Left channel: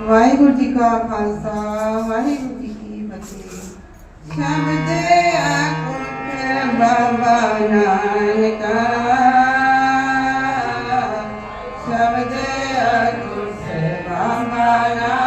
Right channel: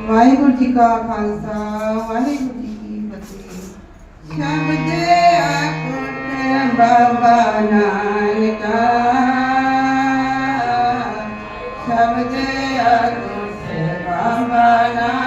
ਵਾਹਿਗੁਰੂ ਜੀ ਕਾ ਖਾਲਸਾ ਵਾਹਿਗੁਰੂ ਜੀ ਕੀ ਫਤਿਹ ਸ਼ਬਦੇ ਆਖੇ ਬਾਬਾ ਨਾਨਕਾ ਸ਼ਬਦੇ ਆਖੇ ਬਾਬਾ ਨਾਨਕਾ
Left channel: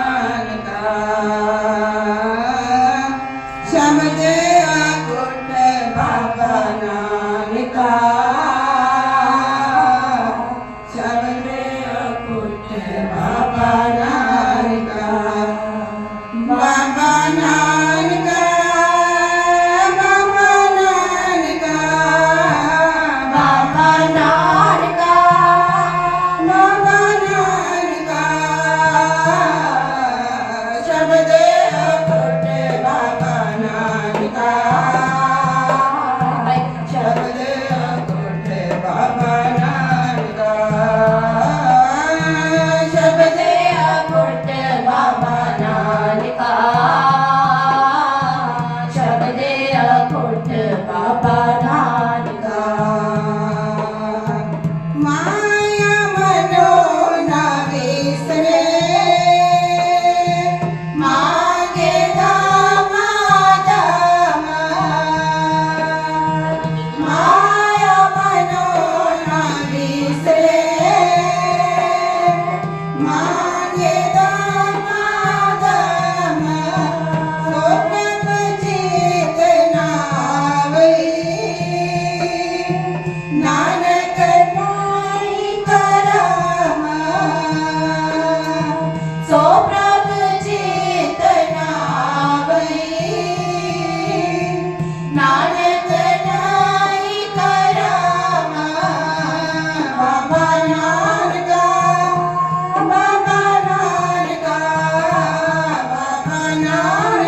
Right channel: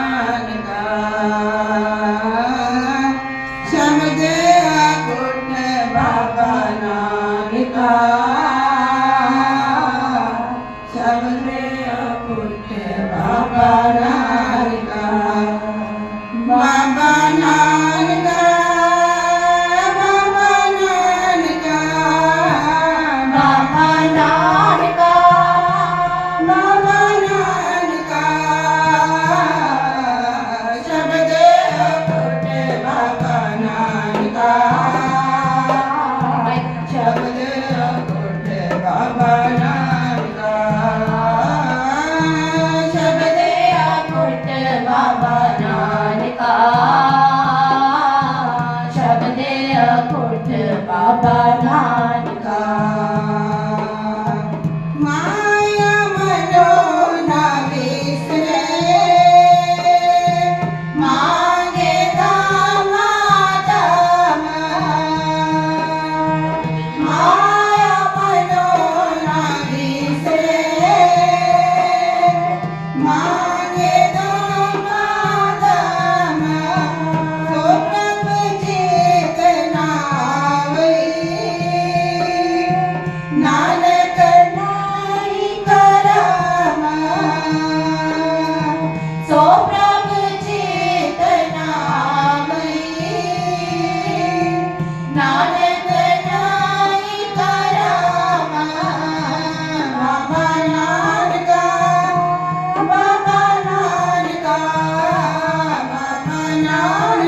olhar.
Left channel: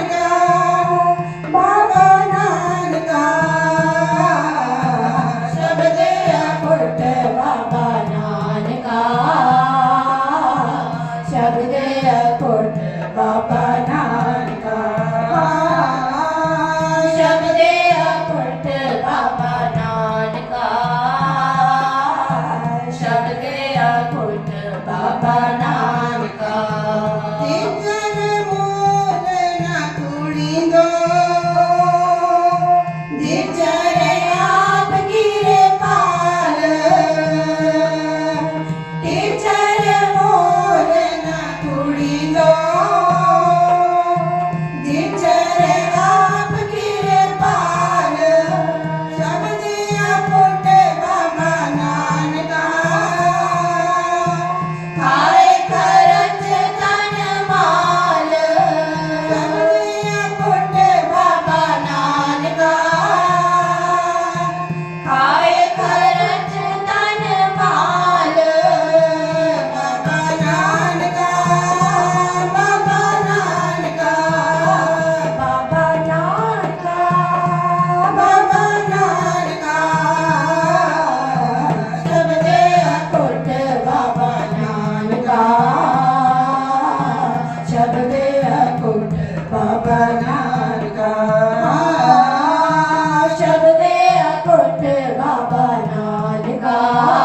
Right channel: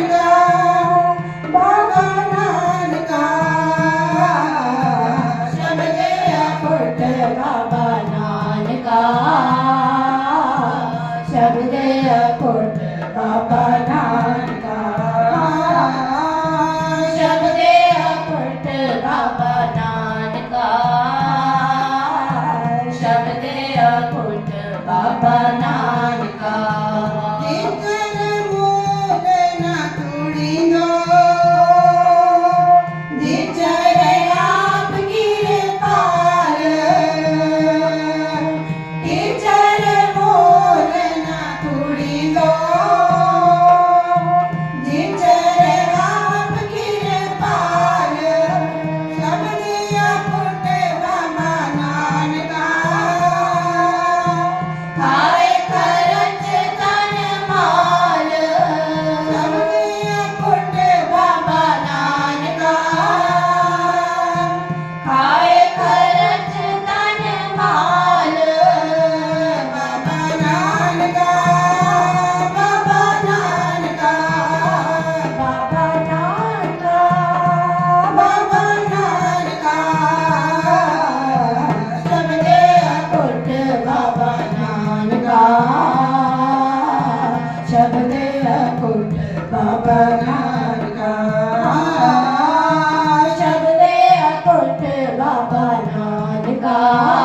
राधा नायिका